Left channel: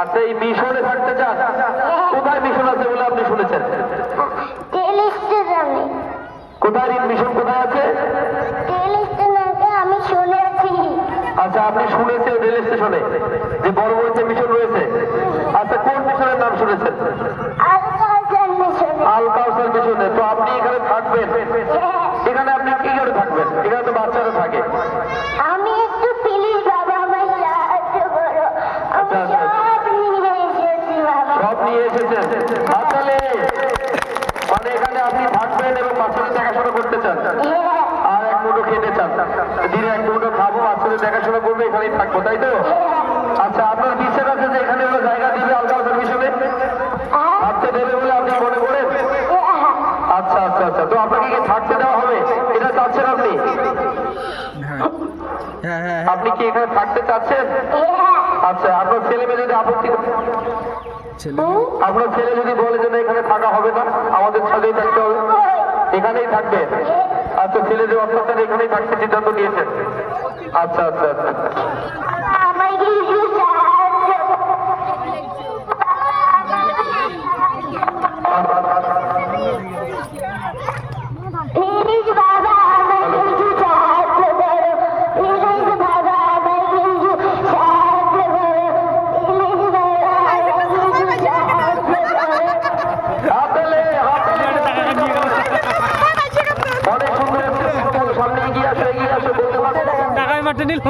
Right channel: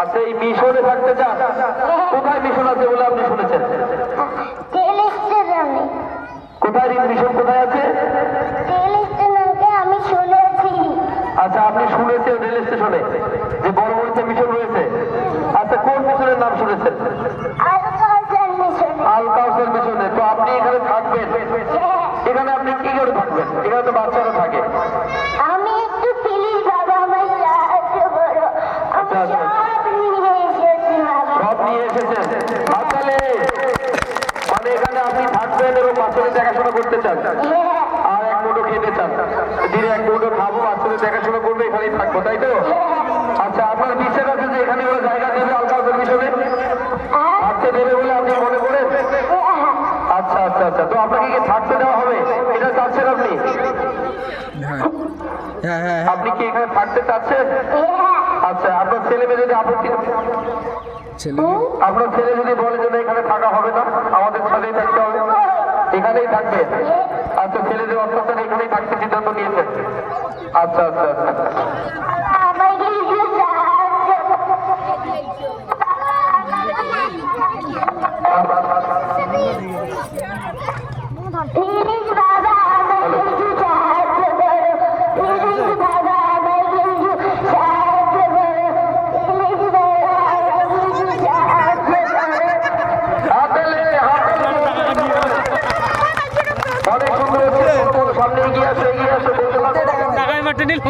আচ্ছা এই মিশনে থাকতে চান? কোথায় মিশন আছে বলে আপনি শুনেছেন? কোথায় মিশন কোথায় আছে? আচ্ছা আপনি শুনেছেন রেল স্টেশনে যে বড় বড় যে মিশন রয়েছে? আচ্ছা কোন মিশনের নাম শুনেছেন? আল কাউসার মিশনে। তো আপনি এখানে থাকবেন? এখানে আপনি কি করে থাকবেন? এখানে তো বাচ্চারা থাকে। দেখাশোনা করতে চান? আর এক মুঠো খেতে চান? দিনে এক মুঠো খাব বাচ্চাদের দেখাশোনা করব এখানেই থাকব তাই তো? আচ্ছা আপনার বিশ্বাস আছে যে এখানে ওরা জায়গা দেবে আল কাউসার মিশনে থাকতে দেবে বলে আপনি মনে করেন। আচ্ছা আচ্ছা আচ্ছা তো আপনাকে কি থাকতে দেওয়া হবে? এটা চাচ্ছেন আপনি? হ্যাঁ। হ্যাঁ হ্যাঁ আপনি কি এখানে থাকতে চাচ্ছেন? আচ্ছা আপনার ছেলে মেয়ে যদি আপত্তি ছেলে আপনার ছেলে যদি বলে যে এখানে থাকা হবে না আমাদের ছাদেই থাকতে হবে। এখানেই থাকবে। আচ্ছা ছেলেদের অত্যাচার এখানেই থাকতে সিদ্ধান্ত নিয়েছেন আচ্ছা আচ্ছা আচ্ছা। টাকায় মাঠে নিল